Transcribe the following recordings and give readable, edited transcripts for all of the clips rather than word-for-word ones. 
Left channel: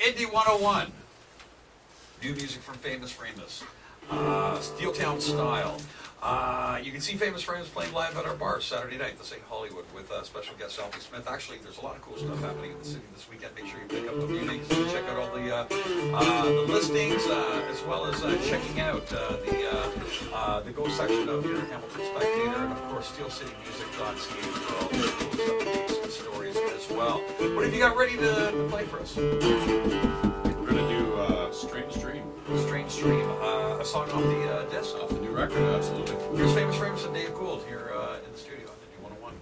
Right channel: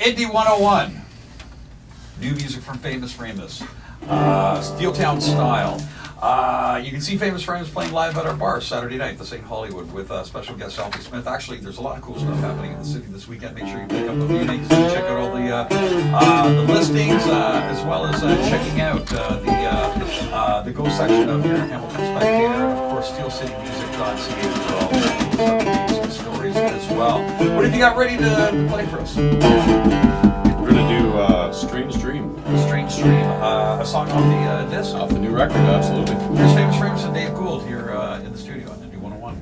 Indie 101. New music from Famous Framus. Steeltown Style. You can see Famous Framus playing live at our bar Saturday night, the St. Hollywood, with special guest Alfie Smith. Actually, there's a lot of cool stuff happening in the city this weekend. Make sure you pick up a few things and check out all the listings, as well as checking out the Go section of your Hamilton Spectator, and of course SteelCityMusic.ca for all the cool stuff and stories as well. What have you got ready to play for us? We're going to do Strange Dream. Strange Dream, a song off the disc? Off the new record, absolutely. Here's Famous Framus and Dave Gould here in the studio on Indie 101.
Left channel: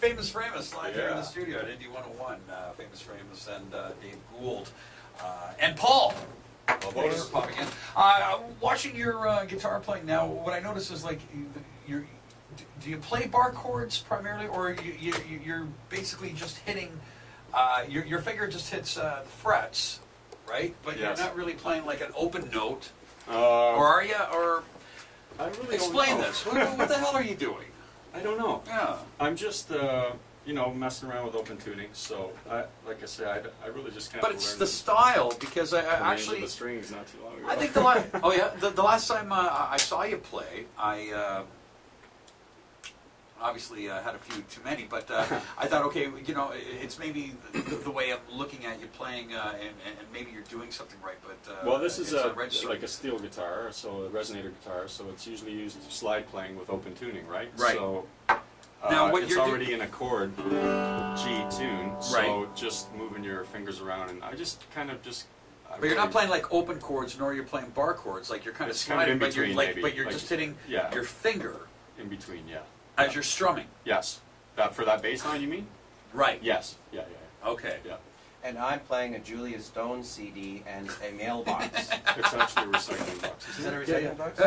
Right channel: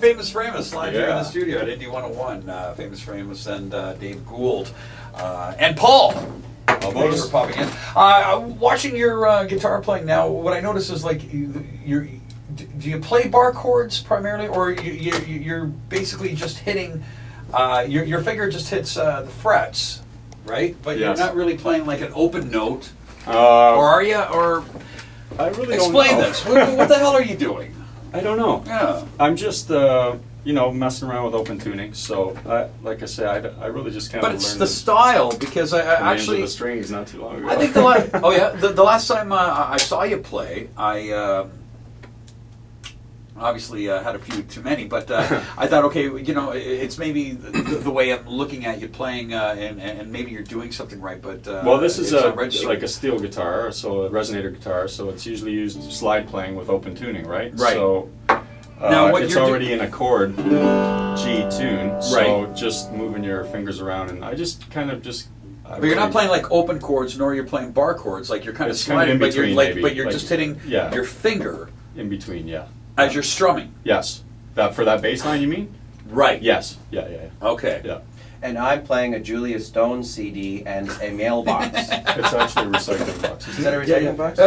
Famous Framus live here in the studio at Indie 101. Famous Framus and Dave Gould and Paul. Thanks for popping in. Watching your guitar playing now, what I notice is like do you play bar chords primarily, or you're basically just hitting your finger just hits the frets, right? But you're not really playing like an open note, or are you? Or I really explain don't know. this. What the hell are you doing? I don't know. Yeah. I'm just, you know, messing around with open tuning. So, like I said, I really just kind of learned. But it's the style, because I actually the strings not too long ago. I think the last the last time I saw you play, I obviously had a few too many, but I thought, okay, you know, it's maybe the way I'm looking at you playing, and maybe you're doing something right, but well, this is like a steel guitar, so a resonator guitar, so it's usually used slide playing with open tuning, right? Right. So now what it's already in a chord G tune, so just moving your fingers around, and I just kind of just But you're not playing like open chords, nor you're playing bar chords. Like you're kind of It's kind of sliding, in but you're between, like, maybe. but you're Like, just hitting yeah. your finger In between, yeah. as you're strumming. Yes. That for that bass line, you mean? Right. Yes. Yeah. Okay. Yeah. And I'm playing a Julia Stone CD and a mailbox. It's actually a recycling box. Is that a Yeah, recycling box?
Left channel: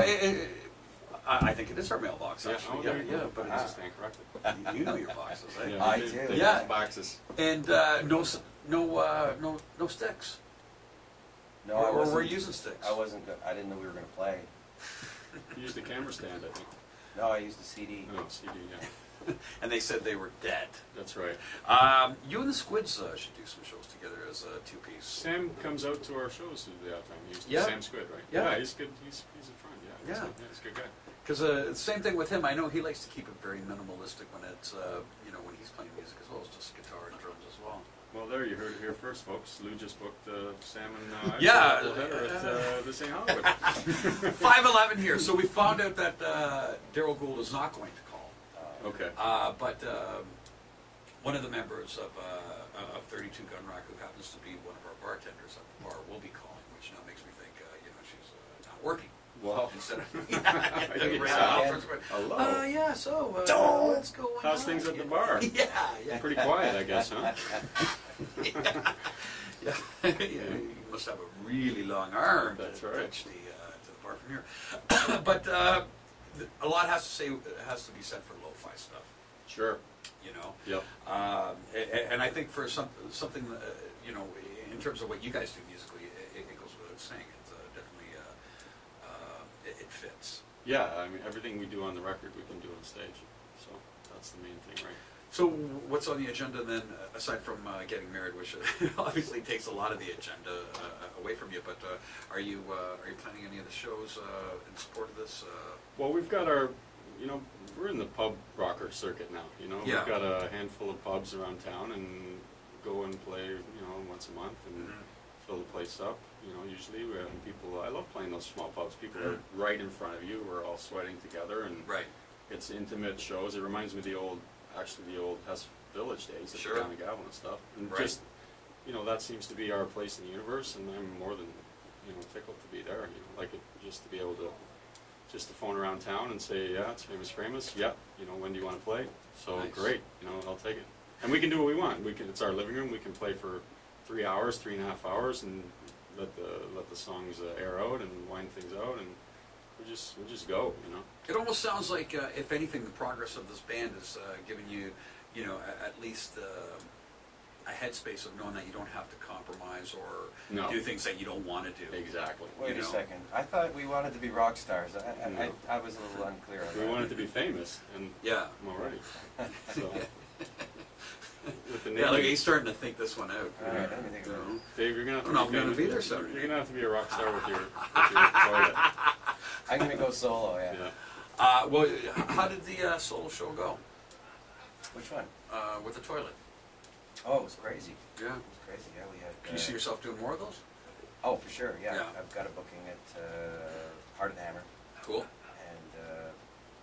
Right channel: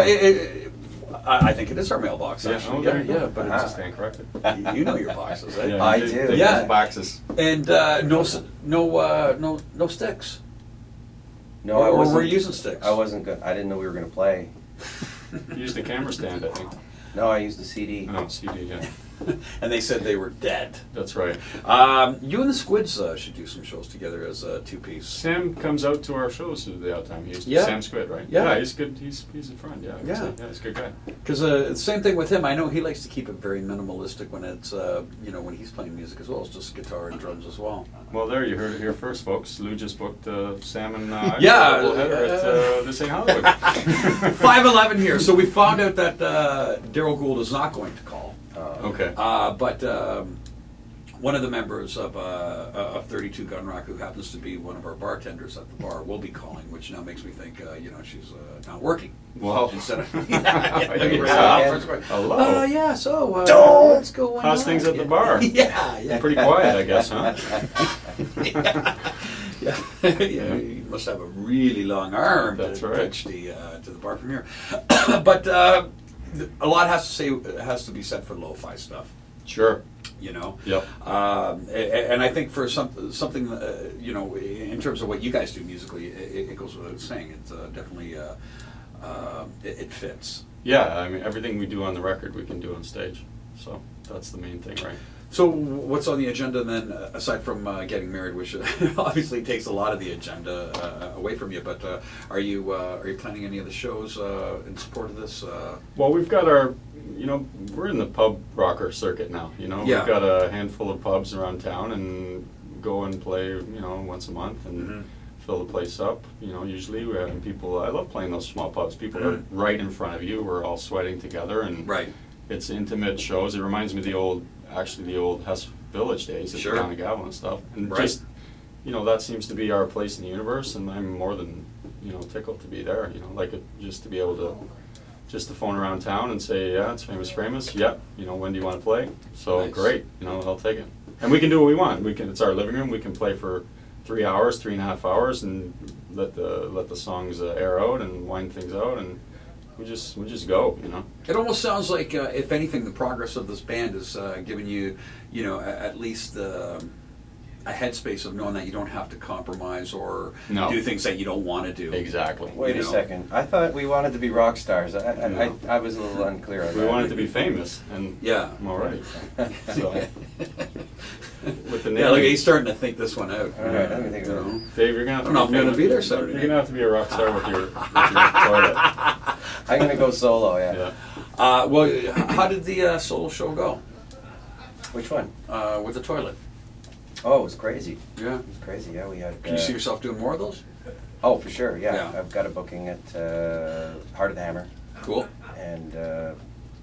I think it is our mailbox, Yeah, actually. oh, Yeah, there you yeah, go. but I it's just stand corrected. you know your boxes, eh? Yeah, I they- do. they Yeah. use boxes. And no sticks. No, or, I or wasn't. we're using sticks. I wasn't good. I didn't know we were gonna play. Use the camera stand, I think. No, I used the CD. No, CD, yeah. And they said they were dead. That's right. You and the Squids should do some shows together as a two-piece. Sam comes out to our shows the odd time. Yeah. Sam Squid, right? Yeah. He's good. He's a friend. Yeah. Yeah. He's a good guy. Because same thing with him. I know he likes to keep it very minimalistic when it's when he's playing music as well. It's just guitar and drums as well. Well, there you heard it here first, folks. Lou just booked Sam and I Yeah, at This Ain't Hollywood. 511 here. So we found out that Daryl Gould is not going to call. Okay. But one of the members of 32 Gun Rock, who happens to be one of our bartenders at the bar, will be calling, which now makes me think, she's not working. Well, Instead of hello. yeah. So what's going on? How's things at the bar? Yeah. Pretty quiet, I guess, huh? Yeah. Yeah. You must have a really long arm That's to right. touch to the bar from here. But a lot has to be said for lo-fi stuff. Sure. You know. Yep. And I think for something, in terms of what you guys do musically, it goes without saying. It's definitely it fits. Yeah, I mean, everything we do on the record, we can do on stage. So that's the main thing, right? So what's on the agenda then, aside from getting married, which obviously takes a lot of the agenda away from you? But are you planning any of the shows in support of this? Well, we've got our, we're in the pub rocker circuit now. Yeah. We've got a handful of pubs around town and go and play, once a month and Mhm. fill the place up. Usually we're having people. I love playing those small pubs. People are Mhm. right in front of you. We're all sweating together and Right. it's intimate shows. It reminds me of the old Hess Village days at Sure. Town of Gavel and stuff. And Right. just, that seems to be our place in the universe, and I'm more than, tickled to be there. Like just to be able to, just to phone around town and say, yeah, it's Famous. Yep. When do you want to play? So Nice. great. I'll take it. And we can do what we want. It's our living room. We can play for 3 hours, 3.5 hours, and let the songs air out and wind things out, and we just go. It almost sounds like, if anything, the progress of this band is giving you, at least a headspace of knowing that you don't have to compromise or No. do things that you don't want to do. Exactly. Wait You a know. second. I thought we wanted to be rock stars. No. I was a little unclear on that. We wanted to be famous, and Yeah. I'm already. So, with the name, Yeah, look, he's starting to think this one out. All right, let me think You about it. know. Dave, you're gonna have I don't to know if I'm gonna famous. be there Saturday You're night. gonna have to be a rock star with your toilet. I'm gonna go solo. Yeah. Yeah. Well, how did the solo show go Which one? with the toilet? Oh, it was crazy. Yeah. It was crazy. Yeah, we had. Can you see yourself doing more of those? Oh, for sure. Yeah. Yeah. I've got a booking at Heart of the Hammer, Cool. and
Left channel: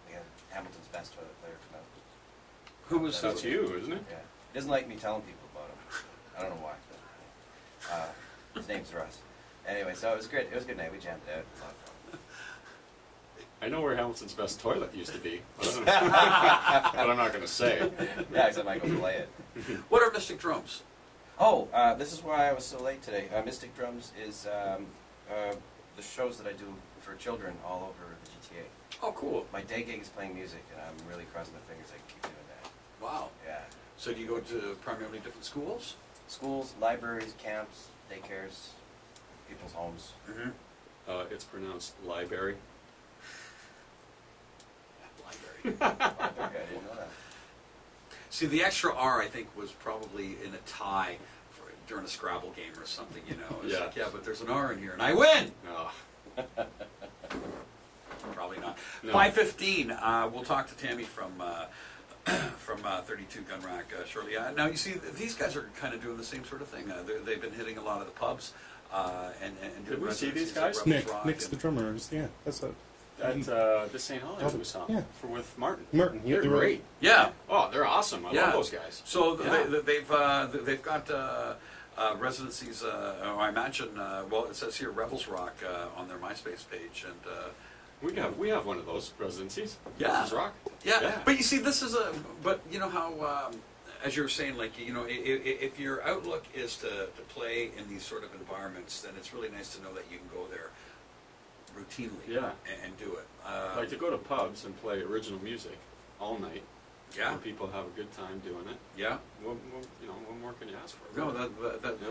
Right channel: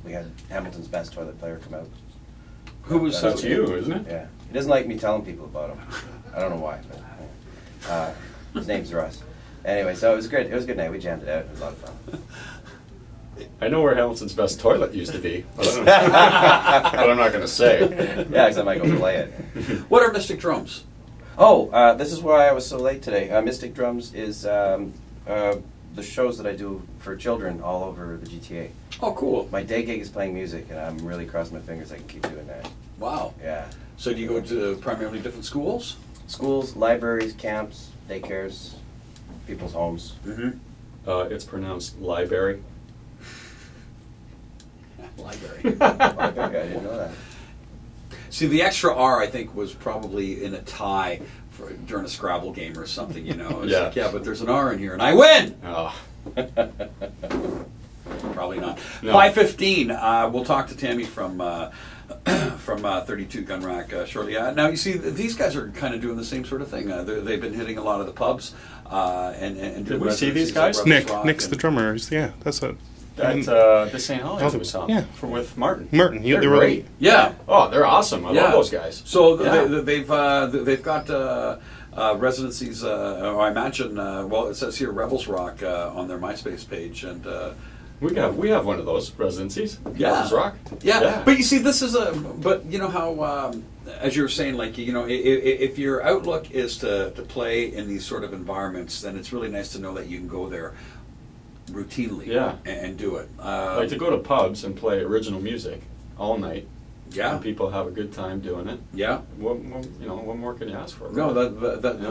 we had Hamilton's best toilet player come out. Who was That's you, isn't it? Yeah. He doesn't like me telling people about him. I don't know why, but his name's Russ. Anyway, so it was great. It was a good night. We jammed it out. It was a lot of fun. I know where Hamilton's best toilet used to be, but, but I'm not gonna say. Yeah, because I might go play it. What are Mystic Drums? Oh, this is why I was so late today. Mystic Drums is the shows that I do for children all over the GTA. Oh, cool. My day gig is playing music, and I'm really crossing my fingers I can keep doing that. Wow. Yeah. So do you go to primarily different schools? Schools, libraries, camps, daycares, people's homes. Mm-hmm. It's pronounced library. Library. Library, I didn't know that. See, the extra R, I think, was probably in a tie during a Scrabble game or something, It's Yeah. like, yeah, but there's an R in here, and I win! Oh, Probably not. No. 5:15, we'll talk to Tammy from 32 Gun Rack shortly. Now, you see, these guys are kind of doing the same sort of thing. They've been hitting a lot of the pubs and Did doing we see these residencies at guys? Rebels Rock Nick's the and- drummer. That's it. At This Ain't Hollywood we saw. Yeah. With Martin. Martin. They're They were great. Yeah. Oh, they're awesome. I Yeah. love those guys. So Yeah. they've got residencies. I imagine. Well, it says here Rebels Rock on their MySpace page, and We have one of those residencies. Yeah. Rebels Rock. yeah. But you see, this is a. But you know how, as you were saying, like you know, if your outlook is to play in these sort of environments, then it's really nice to know that you can go there routinely. Yeah. And do it. Like to go to pubs and play original music all night. Yeah. And people have a good time doing it. Yeah. What more can you ask for? No,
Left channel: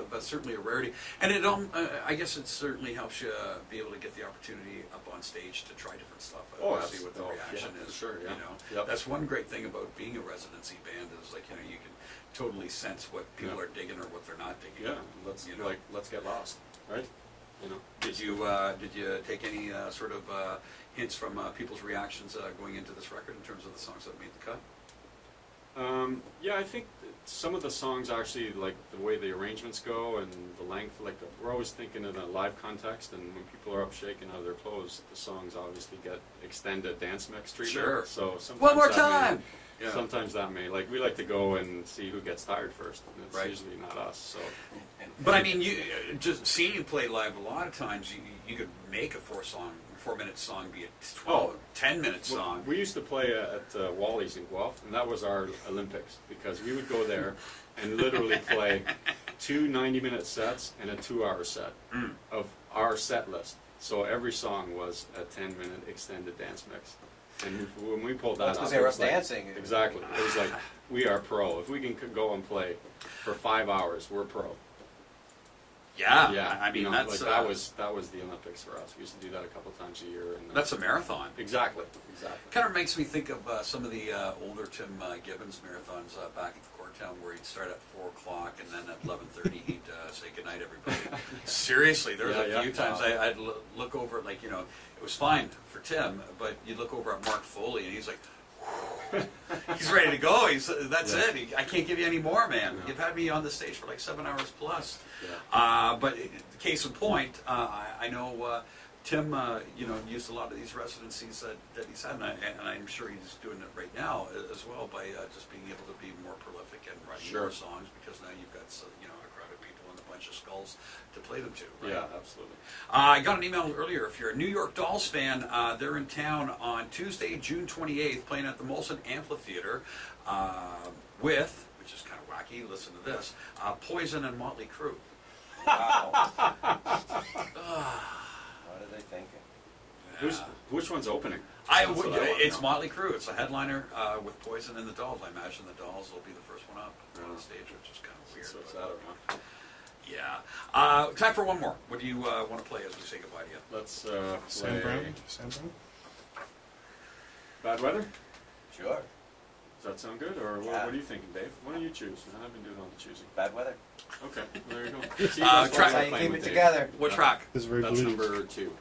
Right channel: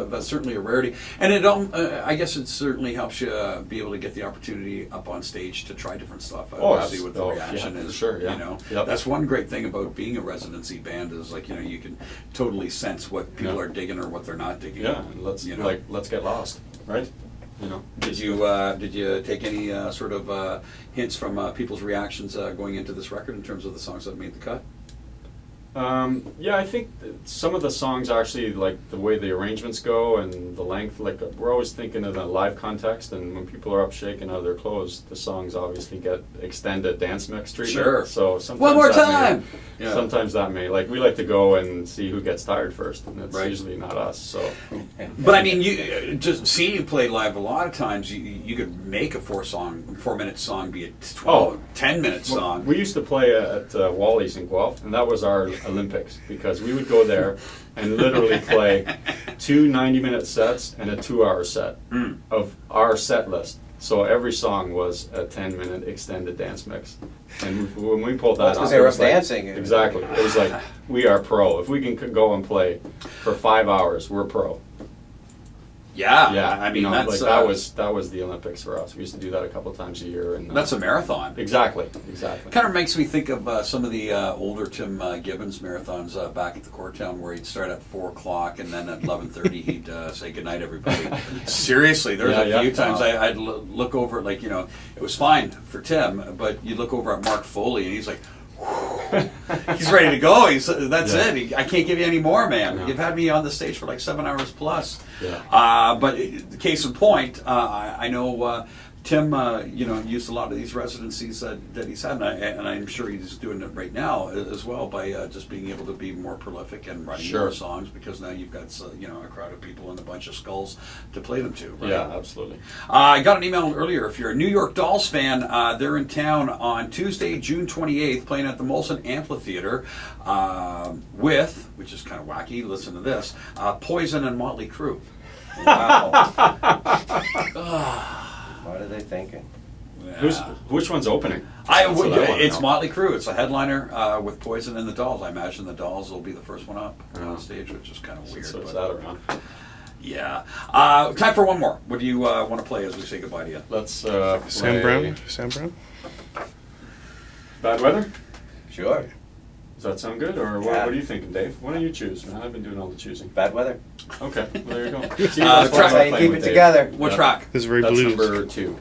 that's certainly a rarity, and it I guess it certainly helps you be able to get the opportunity up on stage to try different stuff. See what the reaction is. Sure, yeah. You know, Yep. that's one great thing about being a residency band is like you know you can totally sense what people are digging or what they're not digging. Yeah, and let's get lost, right? You know. Did you take any sort of hints from people's reactions going into this record in terms of the songs that made the cut? Yeah, I think some of the songs actually, like the way the arrangements go and the length, like we're always thinking in a live context, and when people are up shaking out of their clothes, the songs obviously get extended dance mix treatment. Sure. So sometimes One more that time! May, Yeah. Sometimes that may, like we like to go and see who gets tired first, and it's Right. usually not us. So But I mean, you just seeing you play live. A lot of times, you could make a 4-minute song be a 10-minute Well, song. we used to play at Wally's in Guelph, and that was our Olympics, because we would go there and literally play 2 90-minute sets and a 2-hour set of our set list. So every song was a 10-minute extended dance mix. And when we pulled that Well, it's 'cause off, they it were was like- dancing. Exactly. It was like, we are pro. If we can go and play for 5 hours, we're pro. Yeah, Yeah, I mean you know, that's like that was the Olympics for us. We used to do that a couple times a year, and that's a marathon. exactly. Kind of makes me think of some of the older Tim Gibbons marathons back at the Courtown, where he'd start at 4 o'clock and then at 11:30 he'd say goodnight everybody. Seriously, there was a few times I'd look over at, like, you know, it was fine for Tim, but you look over at Mark Foley and he's like, he's ready to go. That's it. I can't give you any more, man. No. You've had me on the stage for like 7 hours plus. Yeah. But case in point, I know Tim, you know, used a lot of these residencies that he's had, and I'm sure he's doing it right now as well by just being able to be more prolific and writing more songs, because now you've got you know, a crowd of people and a bunch of skulls to play them to. Right? Yeah, absolutely. I got an email earlier. If you're a New York Dolls fan, they're in town on Tuesday, June 28th, playing at the Molson Amphitheater with, which is kind of wacky, listen to this, Poison and Motley Crue. Wow. What are they thinking? Which one's opening? It's Motley Crue. It's a headliner with Poison and the Dolls. I imagine the Dolls will be the first one up on stage, which is kind of weird. So it's but, that around. yeah. Time for one more. What do you want to play as we say goodbye to you? Let's Sam play Brown? Bad Weather? Sure. Does that sound good? Or what are you thinking, Dave? Why don't you choose, man? I've been doing all the choosing. Bad weather. Okay, well, there you go. Track- See, That's how you playing keep with it Dave. together. What Yeah. track? This is very That's blues. number 2.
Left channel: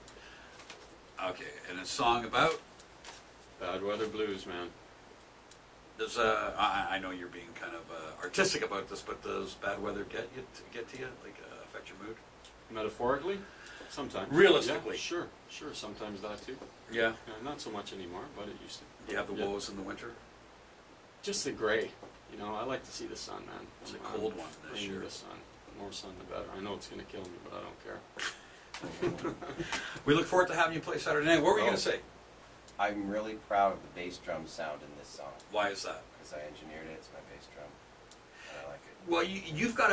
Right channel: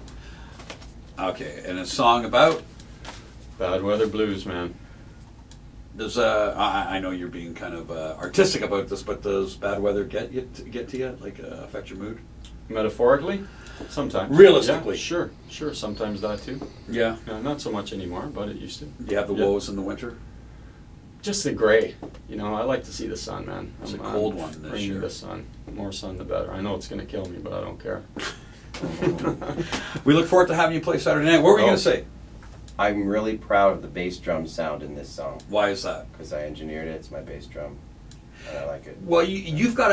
Okay, and a song about? Bad Weather Blues, man. Does I know you're being kind of artistic about this, but does bad weather get to you? Like affect your mood? Metaphorically? Sometimes. Realistically? Yeah, sure. Sometimes that too. Yeah. Not so much anymore, but it used to. Do you have the woes in the winter? Just the gray. You know, I like to see the sun, man. It's a cold one this bring me year. the sun. More sun, the better. I know it's going to kill me, but I don't care. We look forward to having you play Saturday night. What were you going to say? I'm really proud of the bass drum sound in this song Why is that? because I engineered it. It's my bass drum, and I like it. Well, you've got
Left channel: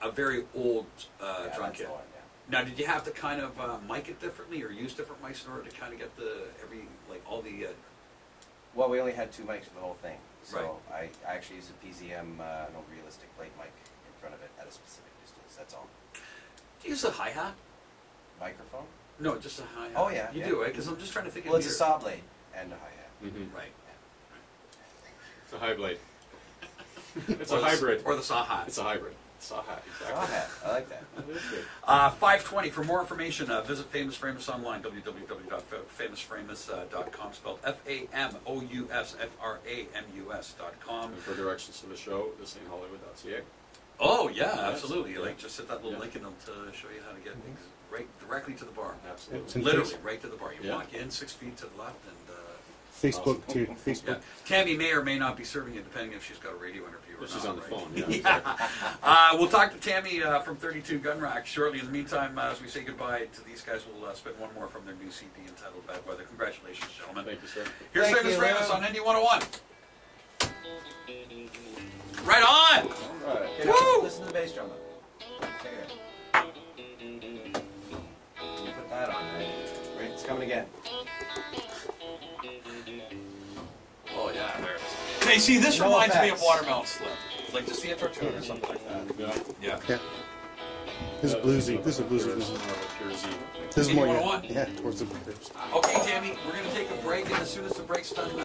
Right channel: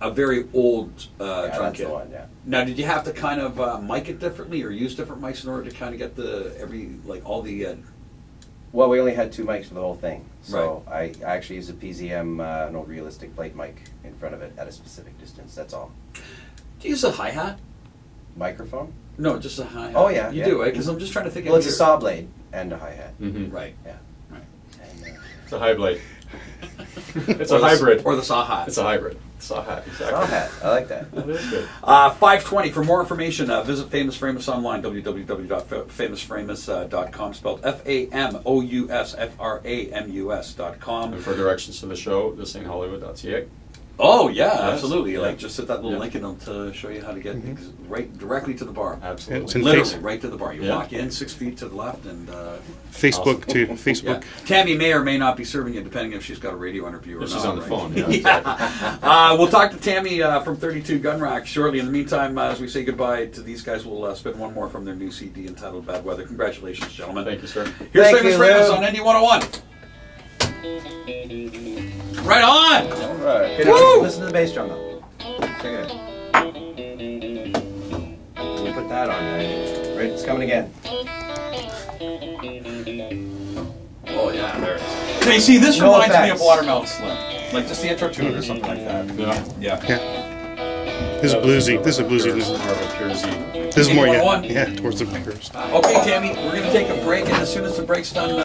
a very old Yeah, drum that's kit. the one. Yeah. Now, did you have to kind of mic it differently, or use different mics in order to kind of get all the? Well, we only had 2 mics for the whole thing, so I actually used a PZM, an old realistic plate mic in front of it at a specific distance. That's all. Do you use a hi hat? Microphone? No, just a hi hat. Oh, yeah, you yeah. do, right? Because I'm just trying to think. Well, of it's a your- saw blade and a hi hat. Mm-hmm. Right. Yeah. Right. And, It's a high blade. It's Or a the- hybrid. or the saw hat. It's a hybrid. Saw hat, exactly. saw hat. I like that. That is good. 5:20. For more information, visit Famous Framus online, www.famousframus.com, spelled FAMOUSFRAMUS.com. And for directions to the show, thisAintHollywood.ca. Oh yeah, Yes, absolutely. yeah. Like just hit that little Yeah. link in them to show you how to get right directly to the bar. Absolutely. It's in Literally Face- right to the bar. You Yeah. walk in 6 feet to the left, and Facebook Awesome. too. yeah. Facebook. Tammy may or may not be serving you, depending if she's got a radio interview or If not. she's on the right? phone, yeah, Yeah. We'll talk to Tammy from 32 Gun Rack shortly. In the meantime, as we say goodbye to these guys, we'll spin one more from their new CD entitled "Bad Weather." Congratulations, gentlemen. Thank you, sir. Here's Thank Famous you, Famous Lou. on ND 101. Right on. All right. Good. Woo! Listen to the bass drum though. Check it out. We'll put that on. Right, it's coming again. Oh yeah, there it is. Hey, see, this No reminds me effects. of Watermelon Slim, like just the intro to it or something like that. Yeah. Yeah. Yeah. This is bluesy. This is a bluesy. This More of a pure Z. is more, yeah, 101. yeah, towards the pictures. Okay, Tammy, we're gonna take a break, and as soon as the break's done.